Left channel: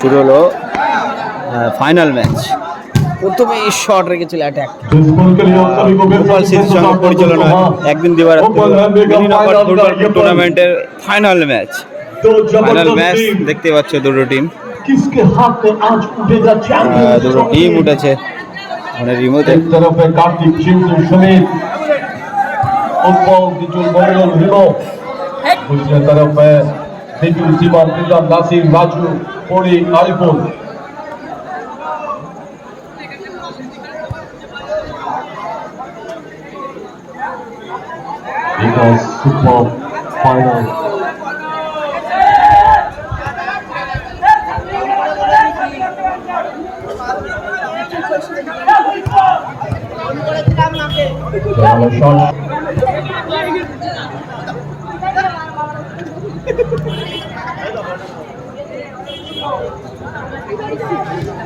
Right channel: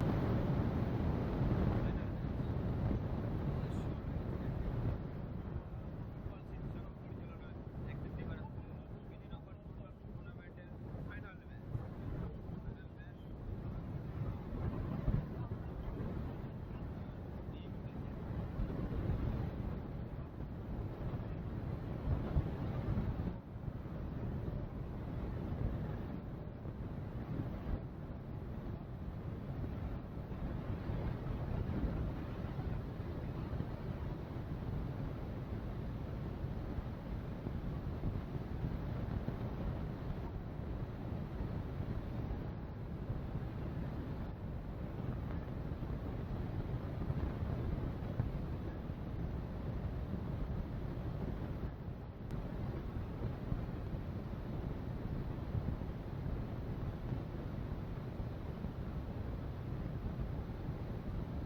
শুরু হলো final match প্রথমে শট রেখেছিল অ্যাটাক ফুটবল স্মৃতির সঙ্গে পরিচালনা একদিন দিবার ফুটবল টুর্নামেন্টের ফাইনাল ম্যাচ ফাইনাল ম্যাচ দেখতে পাচ্ছ দুটো টিম দুটো টিম উঠেছে। মানে রিমোতে ফুটবল নেবিল জীবন দিলদার নাসির রাজু পরি আরিফুল। It was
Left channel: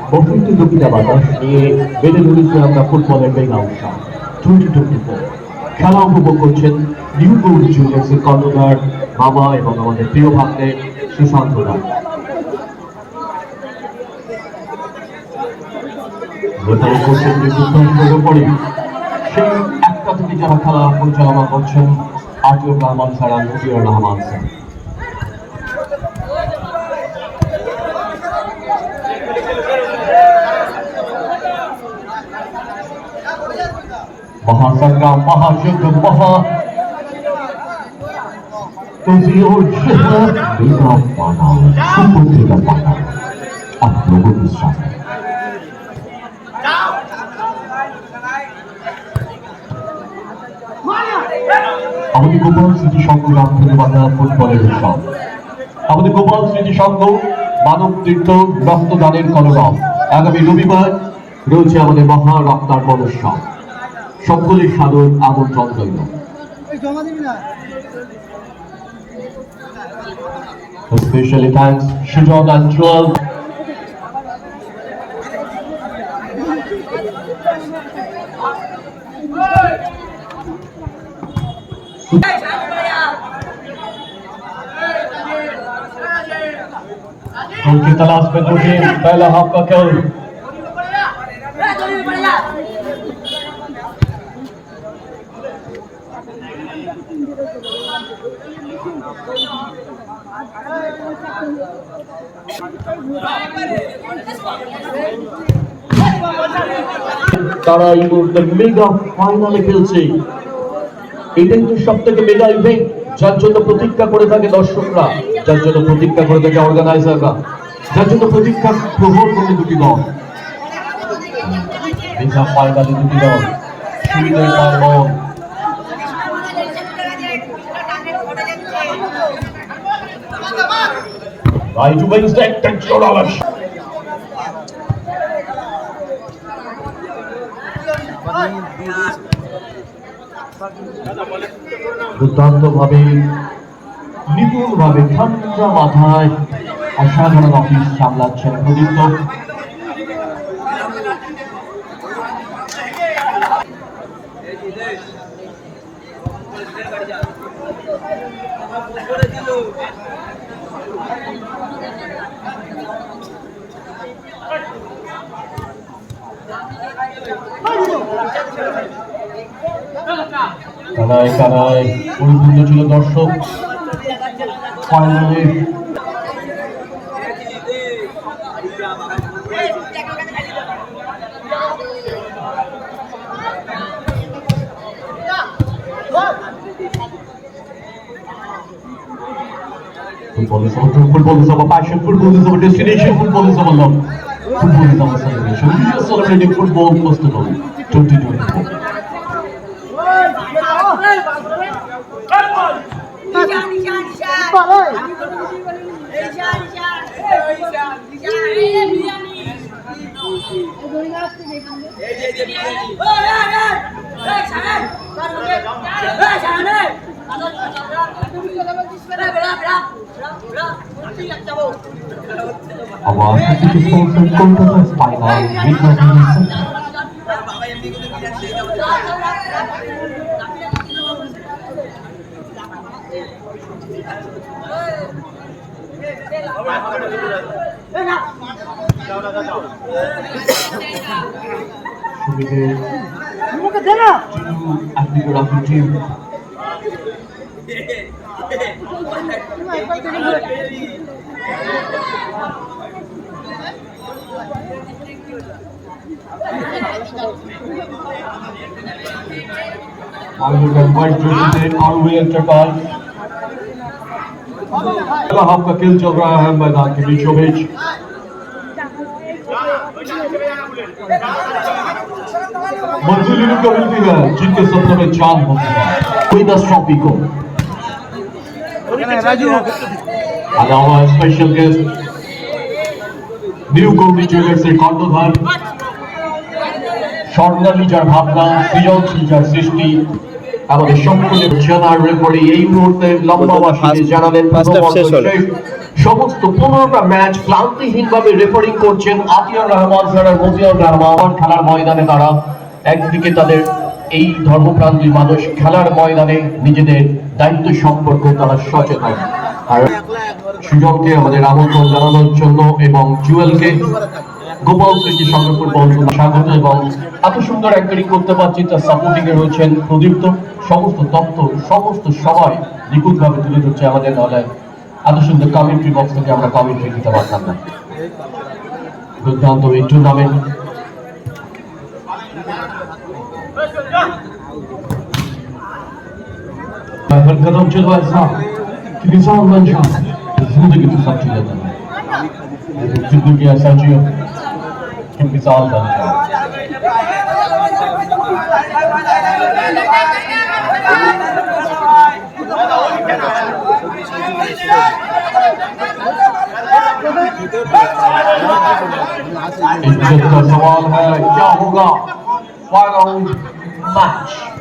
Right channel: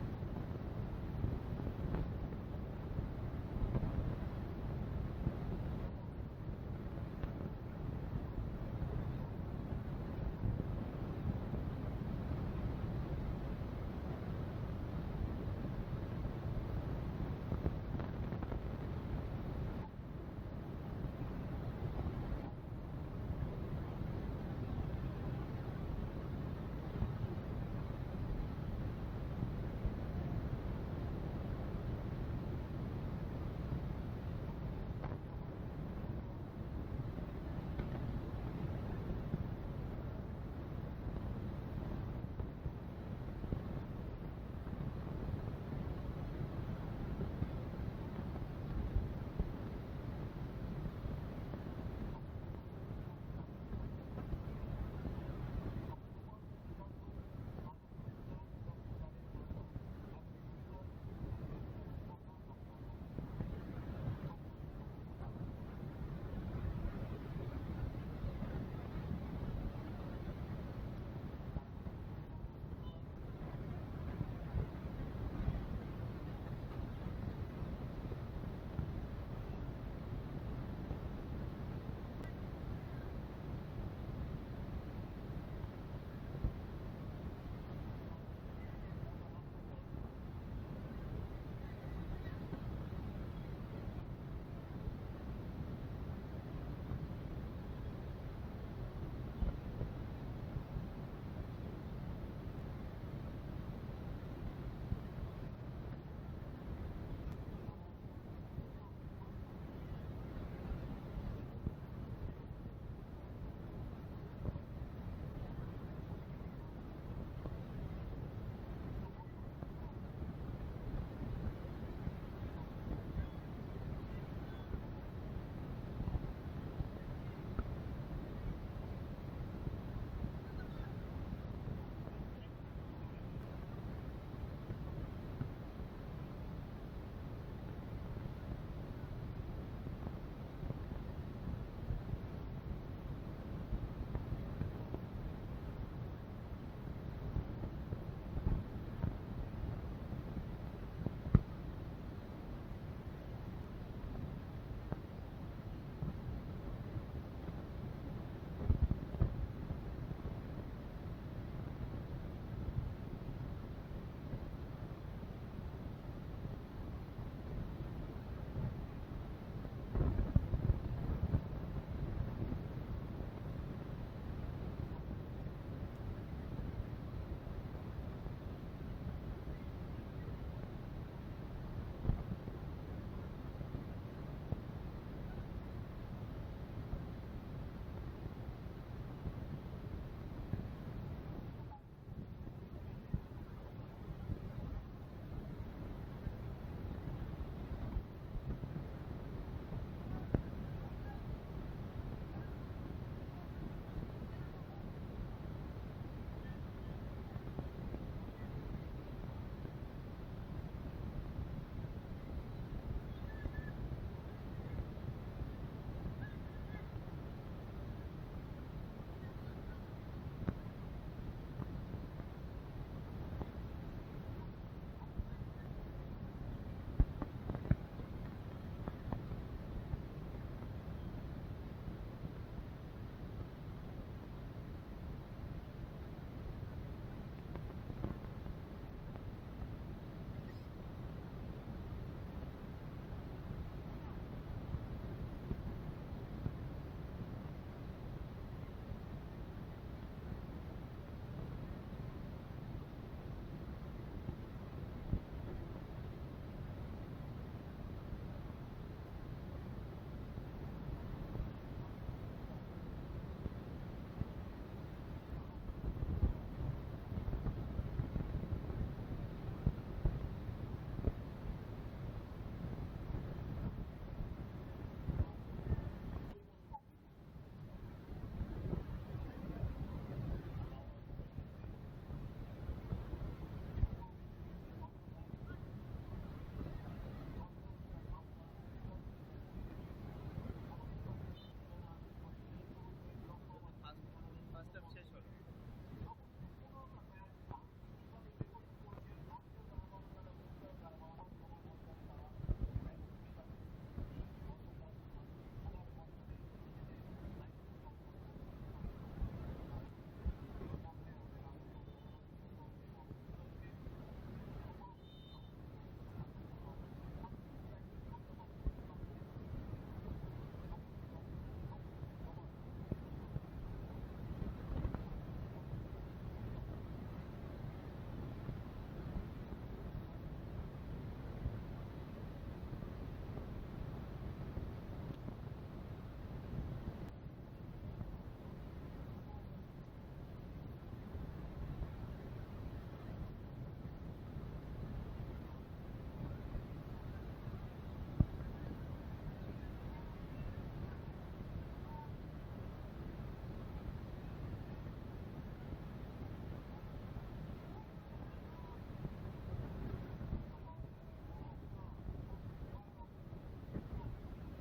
প্রকৃতি দুঃখিতা বাতাস নিয়ে বেড়ে ধরেছি আমরা ফুটবলের মেগা উৎসব। Twenty twenty four. খেলা উপভোগ করছেন নিউ গৌরী জুনিয়ার্সের কর্ণধার বাবা এবং আমাদের প্রিয় ভাগ্নে সুশান্ত রায় সেই একটা থেকে যারা খেলা পরিচালনা করছেন আতিউর রহমান ছাড়া মুজিবুর রহমান স্যার। মহাসংগ্রাম, মহাযুদ্ধ, মহা বিশ্বাস আমাদের গোপাল স্মৃতি সংঘ নাম বাংলা ফুটবলের উৎসব আমাদের গোপাল স্মৃতি সংঘ, মানব তীর্থ, রক্তদানের কলরব। আগামী রবিবার রয়েছে আমাদের মহা রক্তার প্রদর্শন সকলের সাদর আমন্ত্রণ রইল Especially thanks Shujon and Joel. उनकी तलाश में जुटे पहला हाफ का खेल তারা এই মুহূর্তে মেগা ফাইনালে খেলছে। এটাই তো সব থেকে মেগা ইভেন্ট যার জন্য প্রতীক্ষা করে থাকে দর্শকরা, যার জন্য প্রতীক্ষা করে থাকে অর্গানাইজাররা যার জন্য প্রতীক্ষা প্রহর করে দুটি দল। মেগা ফাইনালে দুটি দল সুবিধে পার্বণ Right wings that control our দুর্দান্ত ভাবে নিপুণ ভাবে ঠান্ডা মাথায় অসাধারণ অফিস সামলাচ্ছেন প্রদীপ্ত। কানায় কানায় পরিপূর্ণ ছিল দর্শক। Football football football football 2022 our celebration. We are celebrating Look at that! And the Rocky team. I would invite you to take all way after ball. आपका खेल चल रहा है मैदान के बीचों बीच मंजिल इन्हीं को मिलती है जिनके सपनों में चांद होते हैं कोई दस ट्रॉफी को अलावा स्पेशल गेस्ट নিউ কর্মী জুয়েলার্সের কর্ণধার স্বর্ণালী যার ভাবনা সৃজনশীল যার সৃষ্টি আমাদের সম্পূর্ণ জানার রেফারি এই মুহূর্তে লম্বা বাসিতে জানালেন। সমস্ত পনেরোটা ম্যাচ ক্লান্তিহীন ভাবে রেফারিং করছেন আতিয়ার রহমান আর মতিয়ার রহমান। খেলার ময়দানে তারা একদিকে তাদের এই ধর্মপ্রাণ দুই মানুষ খেলার ময়দানে নিজেদের দায়িত্ব সম্পর্কে তারা সচেতন। আর সুজনকে আমাদের আমন্ত্রণ জানানোর জন্য এবং জুয়েলকে গোপাল কৃতি সংরক্ষণ বংশন স্বাগত এবং এত সুন্দর অ্যাঙ্কারিং করতে পারছি, তার সাপোর্টিং এ রয়েছেন প্রদীপ্ত। সমস্ত তত্ত্ব, সমস্ত সবাই নিখুঁত ভাবে তুলে ধরছে আমাদের দলের। এত সুন্দর কমেন্ট্রি বক্স থেকে আমরা কমেন্ট্রি দিতে পারতাম না। দুর্দান্ত এই tournament Kadam çılgın sağ. Kimi sağ ondan çılgın. कि मिसाल बन जाए इज्जत का सवाल है क्या होगा फाइनल मैच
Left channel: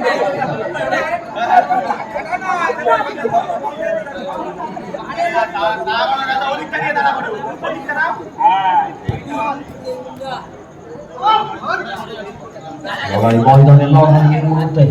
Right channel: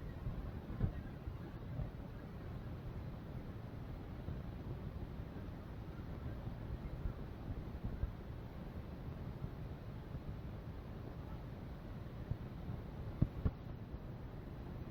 বন্ধনের লগ্নের মুহূর্তে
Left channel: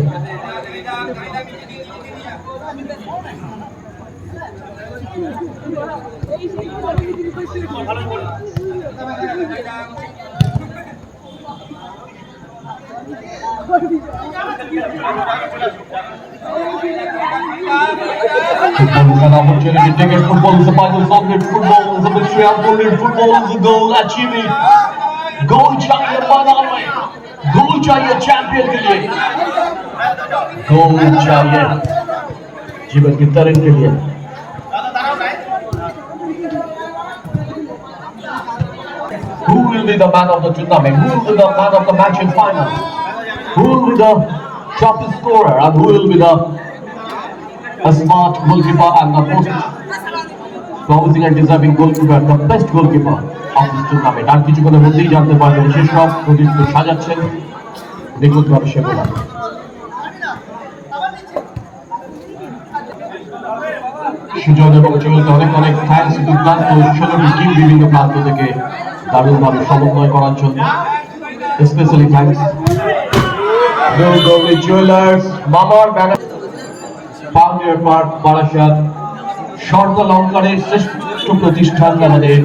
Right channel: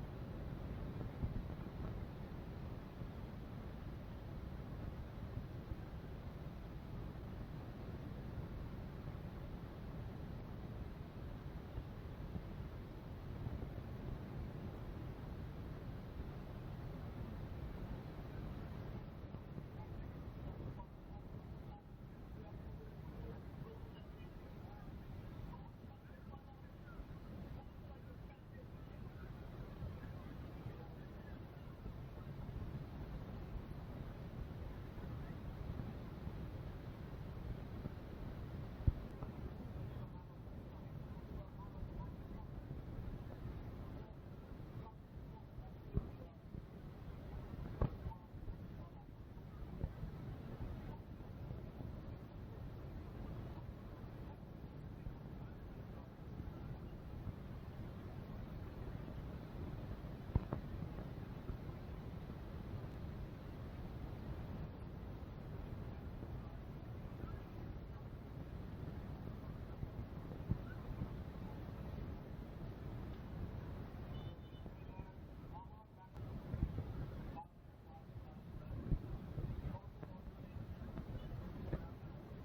Futbolumuzdan opportunity is a vital subject, football is a mystery, football is the goal achieving. Goal, Chakir چاہیے چیمپئن کے لیے گولڈ چاہیے جیون کی ترین کے لیے Who will be the man of the tournament? Who will be the man of the match in final? Who will be the top scorer and who will be the a smart goalkeeper and the most promising and deserving goalkeeper, the best goalkeeper? Of this tournament. আর কিছুক্ষণের মধ্যেই জানতে পারবেন সেসব প্রদীপ্ত সাজাচ্ছেন। নিখুঁতভাবে সেগুলো সুজন এবং চলতে অনেক অনেক দুর্দান্ত টিম বিভিন্ন প্রান্ত থেকে দারুণভাবে সমন্বয় করার জন্য। Specially thanks jewellers banner park Barasat স্বর্ণ শ্রেষ্ঠ প্রতিষ্ঠান আমাদের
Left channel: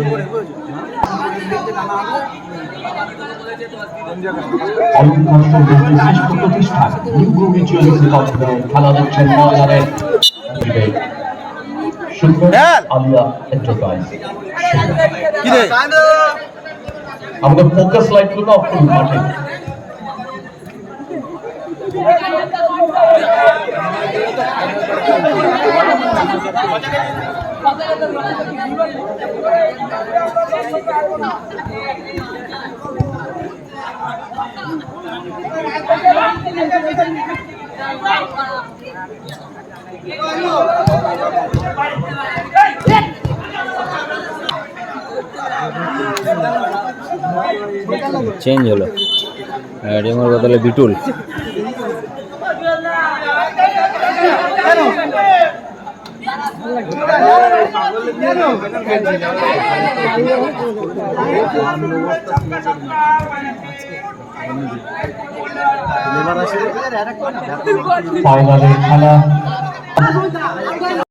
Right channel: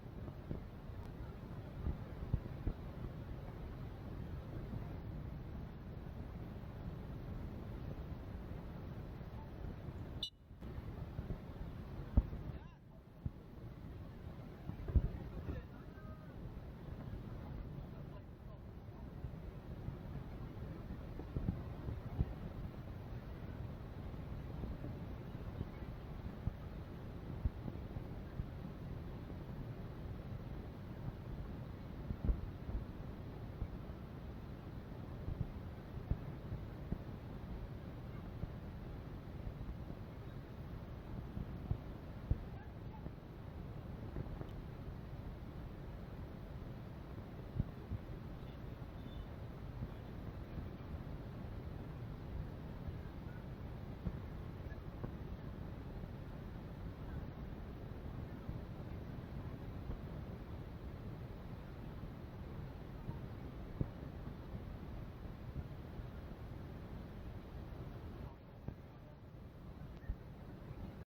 অলঙ্কার সৌন্দর্যের শ্রেষ্ঠ প্রতিষ্ঠান নিউ গ্রুপি জুয়েলার্সের কর্মকার খেলা দিচ্ছেন ময়দানে সুন্দর আলিয়া এন্টারপ্রাইজ আমাদের ফোকাস লাইটগুলো অফ করুন মাঠে। চেঞ্জ হলো। রিমোর বদলে বিটুল। ফাইনালের খেলা।